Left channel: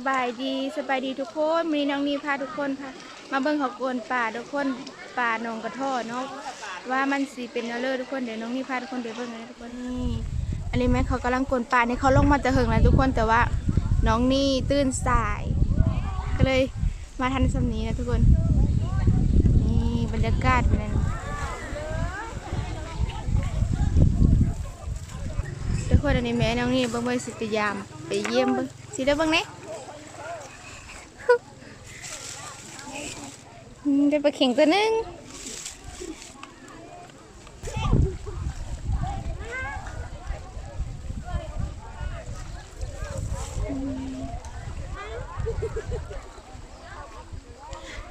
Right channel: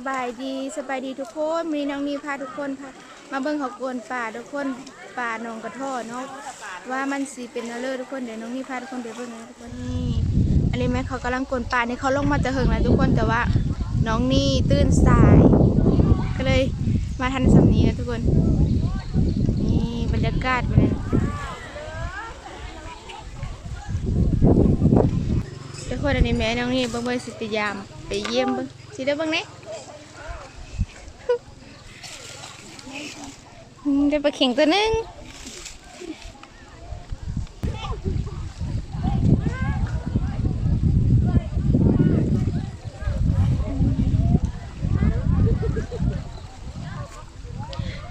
สบายดีสบายดีทุกคนมีน้องนีพาทุกคนพามาเบิ่งเขากวนป่าทุกคนป่าหนองกระท่อเนาะว่ามันสิเป็นอะไรทุกคนเดี๋ยวน้องนีพาทุกคนไปเบิ่งเลยทุกคนนี่อันนี้แม่เขากำลังกวนป่านี่เขาลงมาจะเหิงแล้วทุกคนแต่ว่าน้องนี่ตื่นสาย ก็เลยมาทันสำนี้นะทุกคนนี่บรรยากาศเป็นไงทุกคนอันนี้แม่น้องนี่เบิ่งเบิ่งสิไปยามไปเยี่ยมเบิ่งสิได้เบิ่งไหน อืม ได้ปลาเข่งตัวหนึง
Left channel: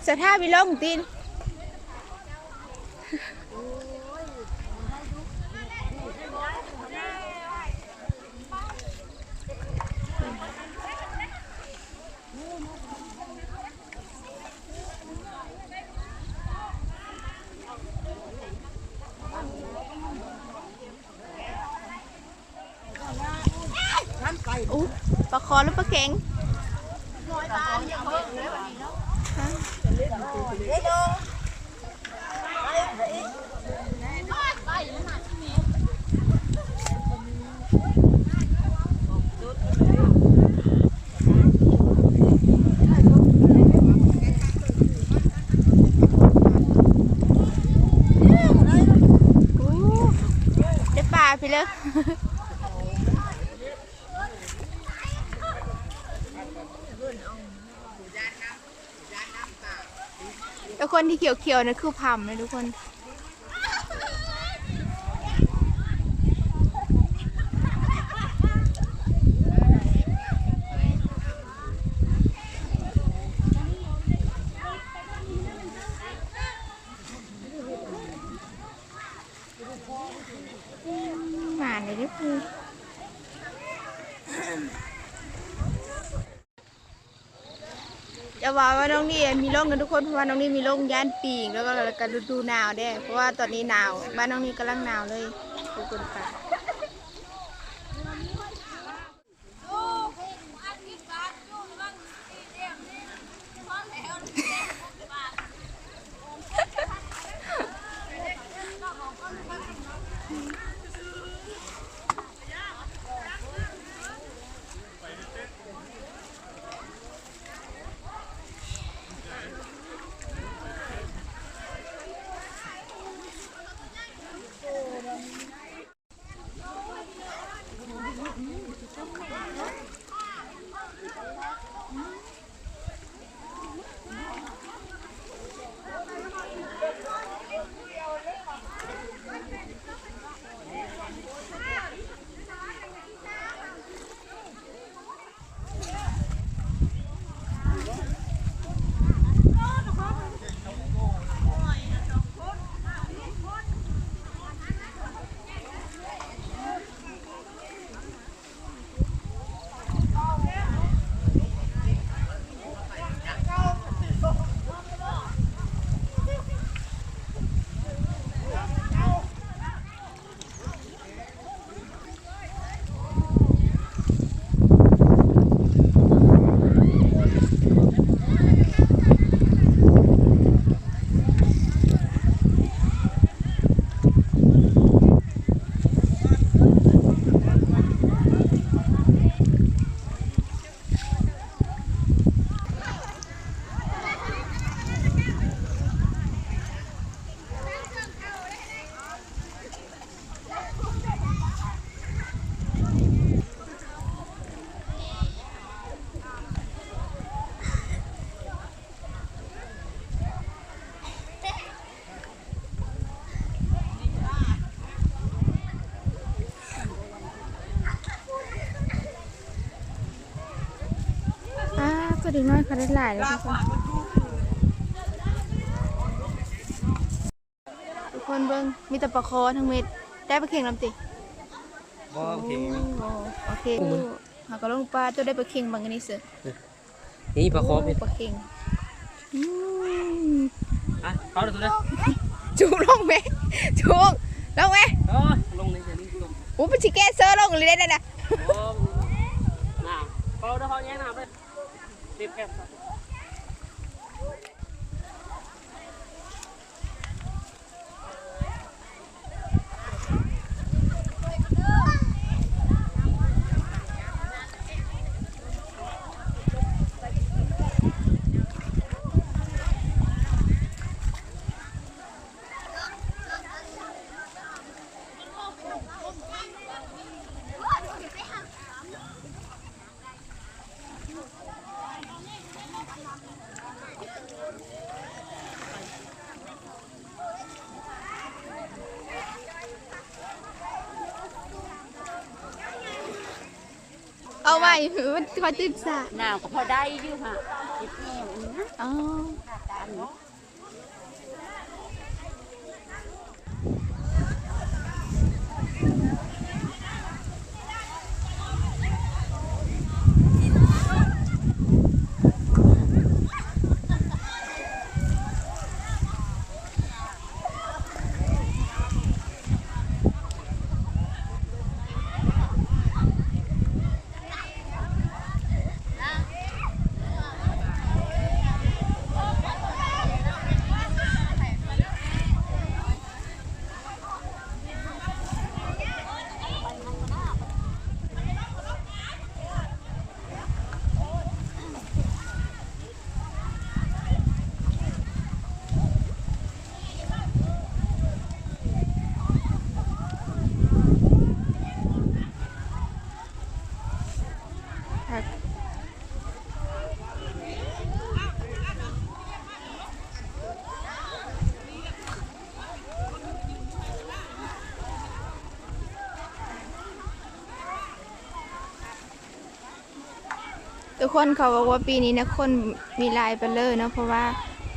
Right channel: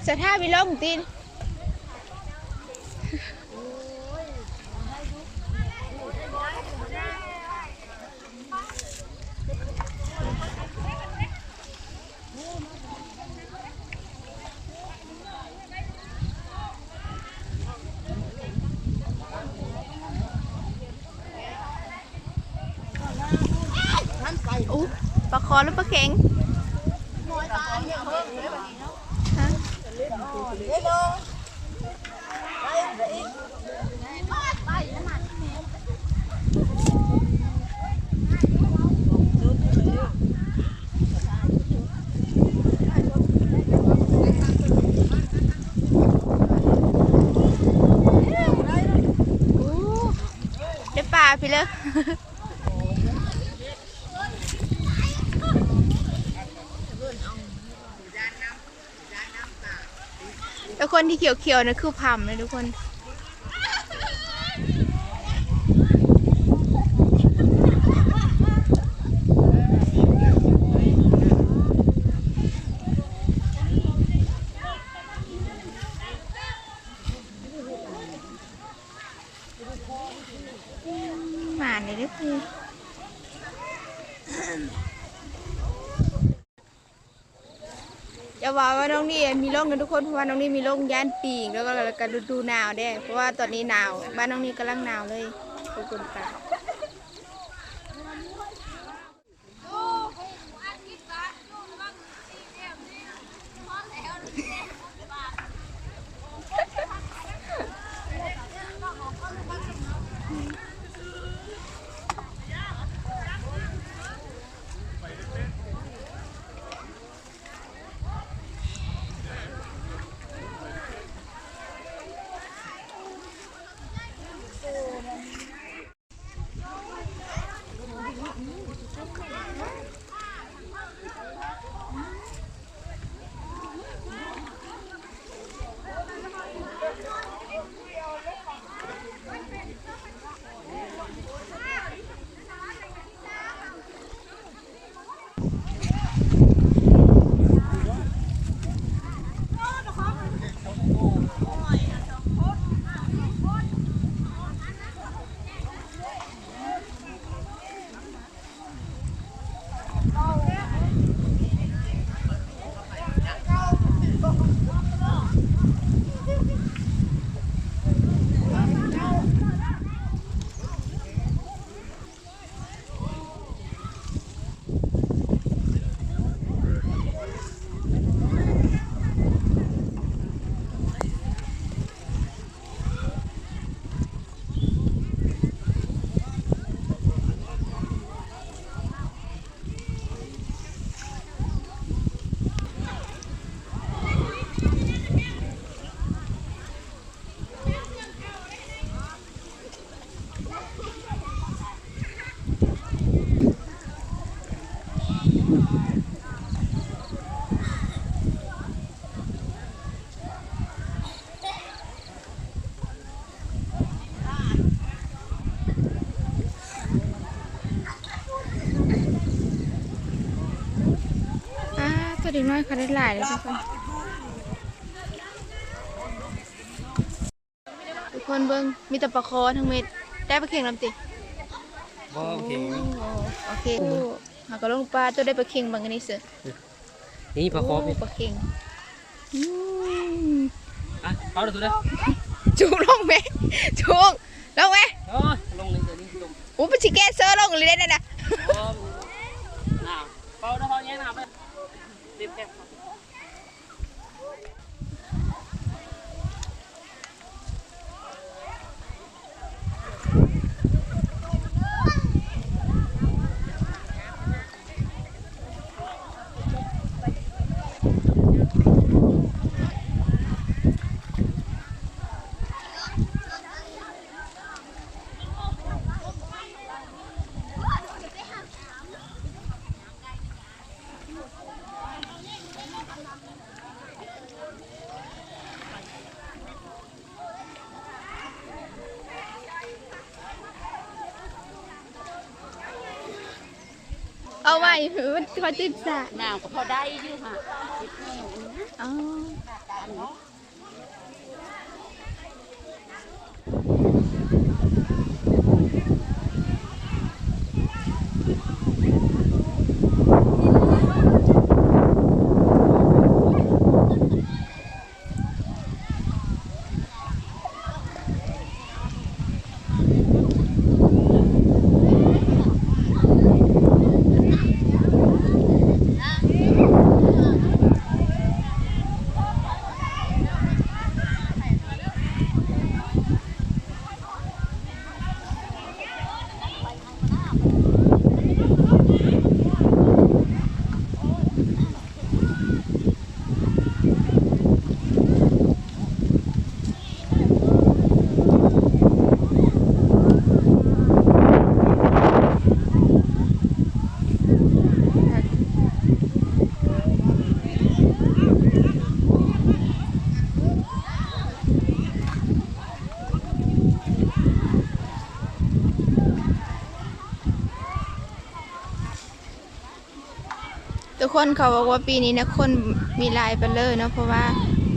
สถาบิลงตีน อู้ปลาคอหรือปลาเข็งฮะอู้ได้ปลาไปเลย แล้ว คนที่เขียวๆนั่นคือพำนะทุกคนหมาเลยด้วยคือ จะว่าว่าน้องนี่มีโรคกันทุกคนเพราะว่าน้องนี่มีโรคย่านปีกแล้วก็ก็ฤดูหนาวได้วยเพราะว่าตอนนี้หนาวบ้านน้องนี่กำลังหนาวเลยขอบคุณค่ะ เด็กน้อยเขาได้หลายเลยทุกคนทุกคนเบิ้งมีแต่ปลาคอทั้งเม็ดได้ปลาเข็งลำติบ่โอเคไหมโอ้โอเคหากระลงปลาตัวได้ปลาเข็งบางอันนี้เสือนี่ปลาคอโอ้พี่ปลาเข็งอืมอะเอาเดี๋ยวตัวเด้อจุกลงไหมจุกลงไหมเออลงเลยเดี๋ยวนี้ลงโอ้ปชิแกเซอร์ลงเลยได้นะโอ้น้ำเปล่าเดี๋ยวพอแย่งน้ำ They pack. ยแค่เอาไว้มันคอยตื่นสายหนาวก็พอได้อยู่ค่ะอ๋อ กคนเขาบอกว่าปีนี้นะคนมีลายไปเลยเนาะเพราะว่า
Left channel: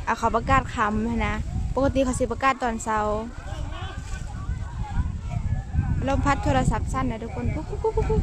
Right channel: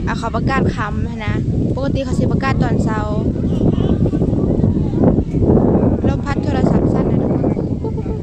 เอาเขาประกาศคำหั้นนะปกติเขาสิประกาศตอนเช้าลมพัดโทรศัพท์สั้นนะทุกคนปุ๊บปุ๊บปุ๊บปุ๊บ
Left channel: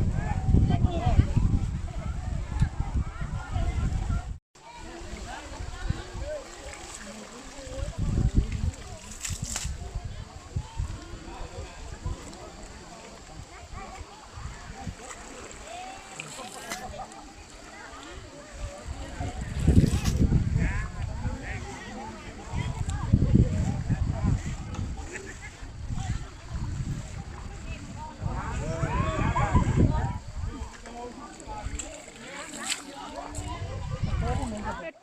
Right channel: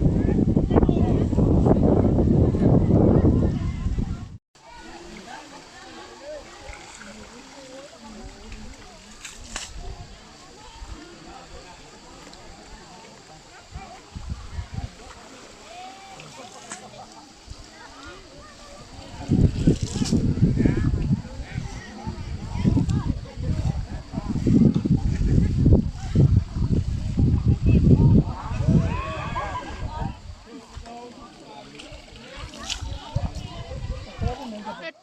เฮ็ด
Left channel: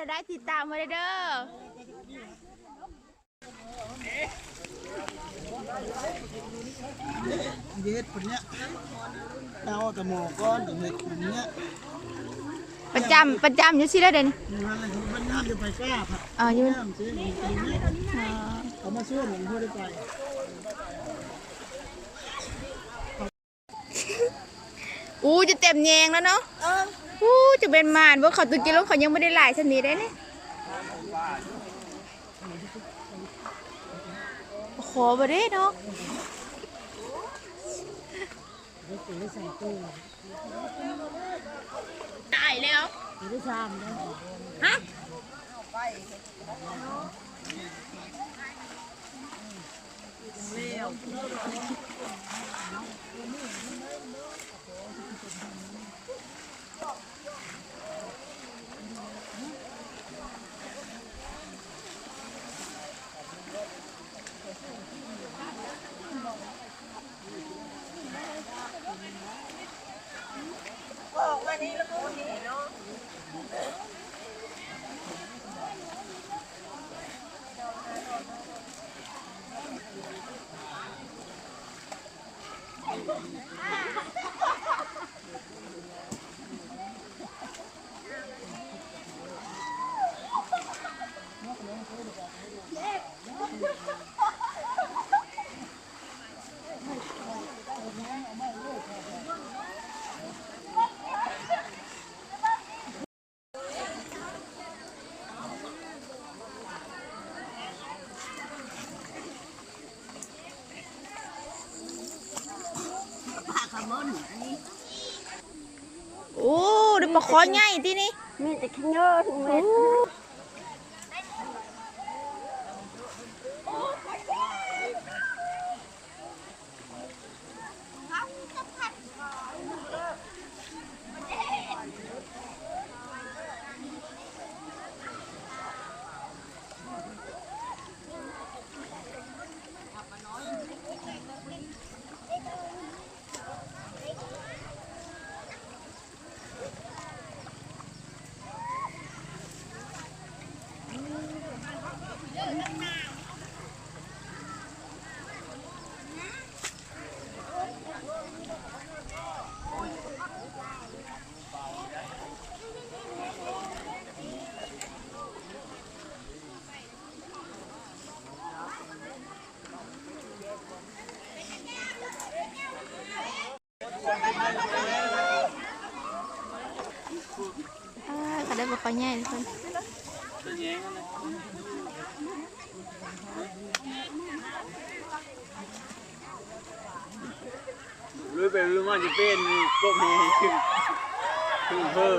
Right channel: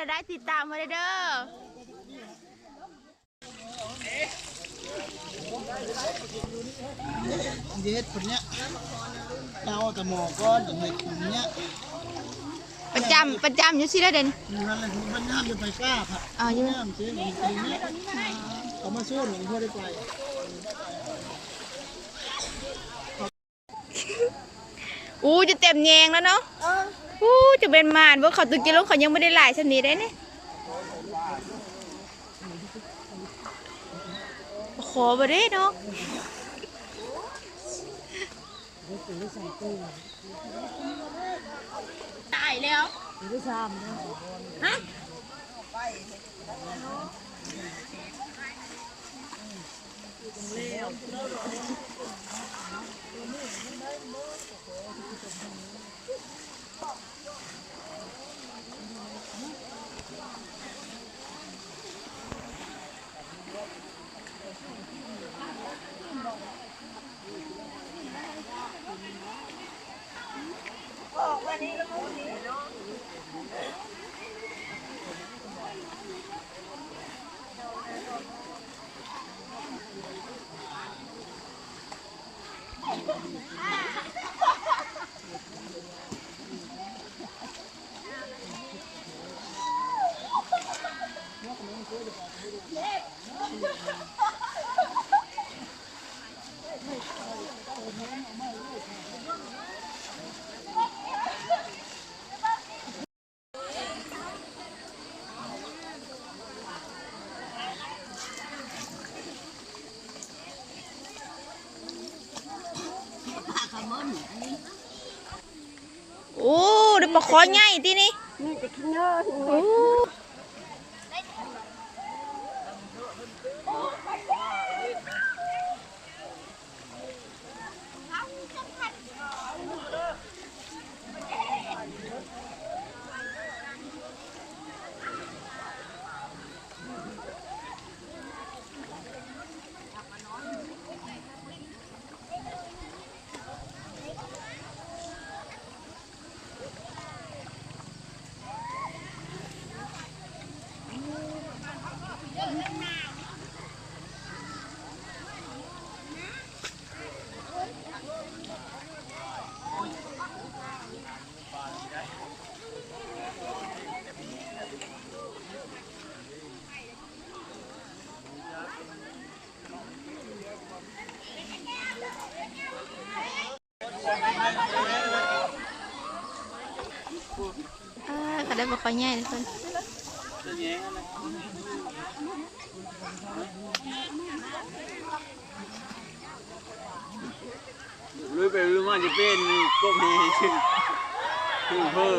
ละ ได้เฮ็ดละได้ติดตามมาเลยเด้อเย็ดคนเนี้ยเราแต่หมอก้อนอย่างเห็ดคนเนี้ยประจำประจำอยู่สิแล้วเด่นนั่นแหละที่บ้านย่ามจะไปกล้าผัดอ๋ออยู่ย่ามซื้อมีปีเนี้ยเขามาสู้ผมเพื่อได้ไป อู้จะเต็มแยงแล้วเนาะอู้จะเป็นมานว่าเขาตุกินลงเขายังไม่ได้หลายชนิดได้เนี่ยขอบ่ได้เนาะ ออกมานี่แล้วมูนี่เนาะอ้ เดี๋ยวปลาคอใหญ่ที่นี่มีแต่ขี้เนื้อ โอ้ได้บ่ค่อยใหญ่ทุกคนรู้ไปรู้มาจะเป็นพวกนี้ชื่อชื่อเฮ้ย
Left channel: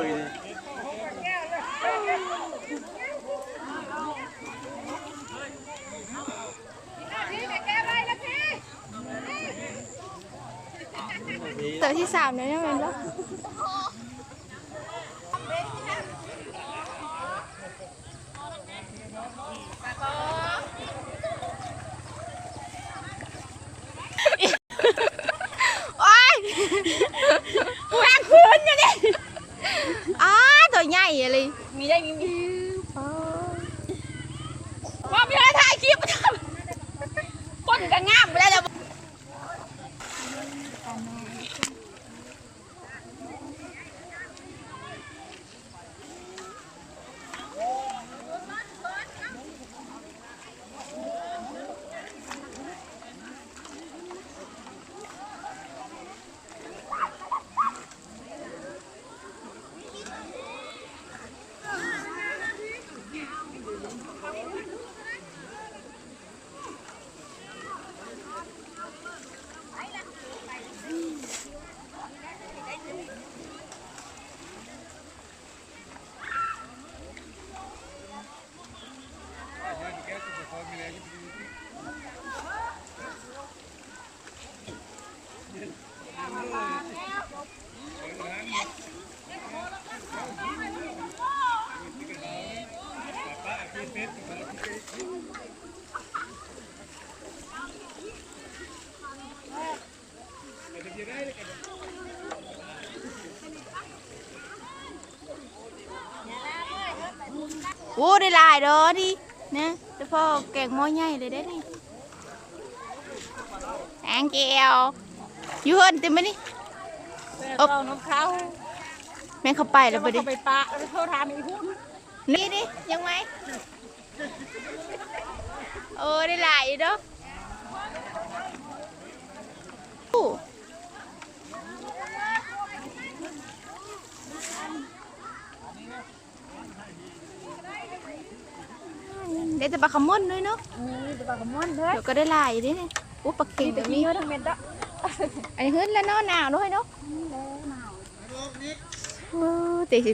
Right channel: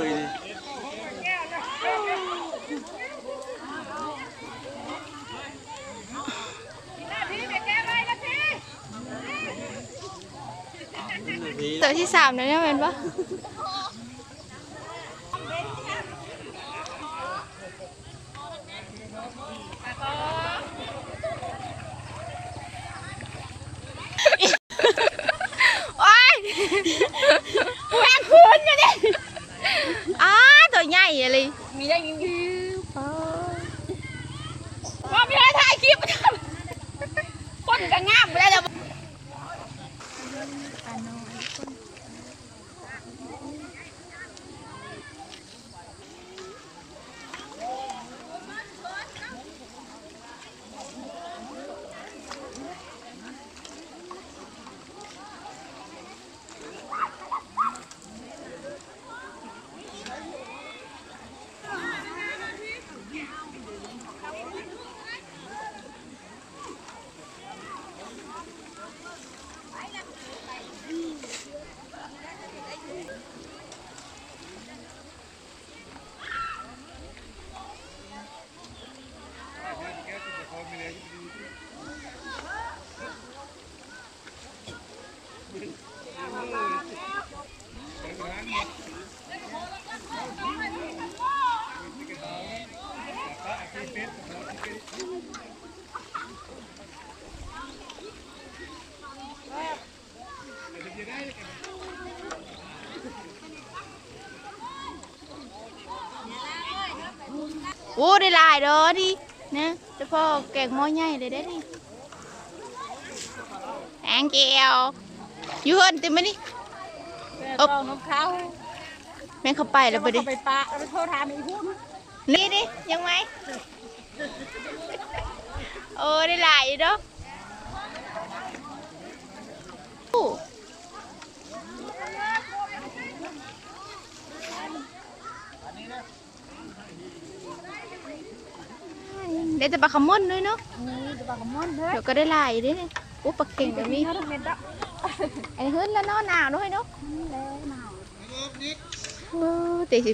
นี่ตัวที่สามแล้วเนี่ยแม่นปะ โอ้ได้หลายเด้อดินะแต่พ่อแกงหม้อใหญ่เลยได้อนี่ thank you อยู่เฮิรนเต็มไหมนี่เอานกเขาแม่งเข้าไปแล้วไปดิเขาไปปะแล้วโทรถามอีกหุ้นนี่ดิยังไงเออได้หลายอยู่เด้อ ได้แต่ปลาขม้นด้วยเนาะนี่จะบอกกับมันเด้อเดี๋ยวก็ได้หลายอยู่ดิเนี่ยโอ้ปลาเก่งแต่มีเยอะทั้งเม็ดอะไอ้หื้นแล้วเนาะหนาวด้วยเนาะแล้วหนาวเออแต่สิ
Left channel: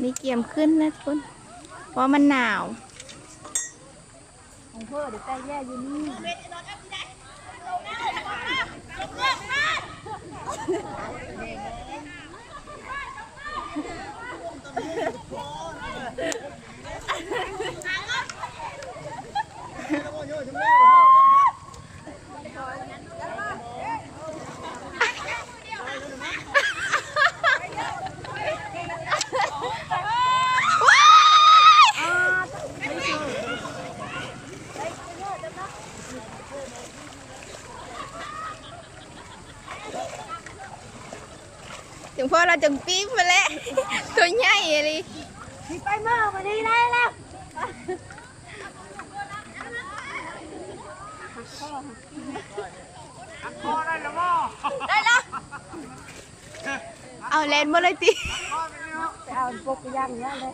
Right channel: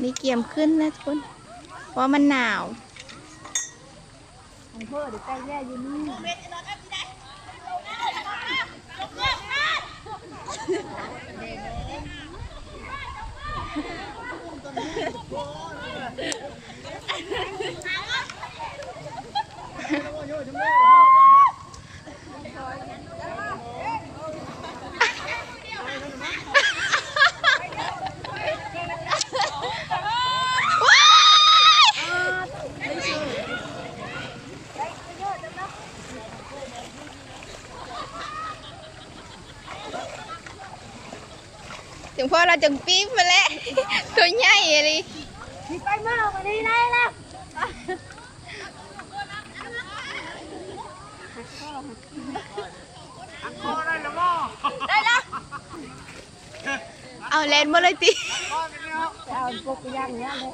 มีเกี่ยมขึ้นนะทุกคนเพราะมันหนาวของเพื่อเดี๋ยวใจแย่อยู่นี่ ถึ งพ่อเราจังปี๊บมาแล้วตัวใหญ่อะไรมีไปเมื่อวันนี้ได้แล้วเอาแลนด์มาเลยติเอาพวกย่างเนี้ยเลย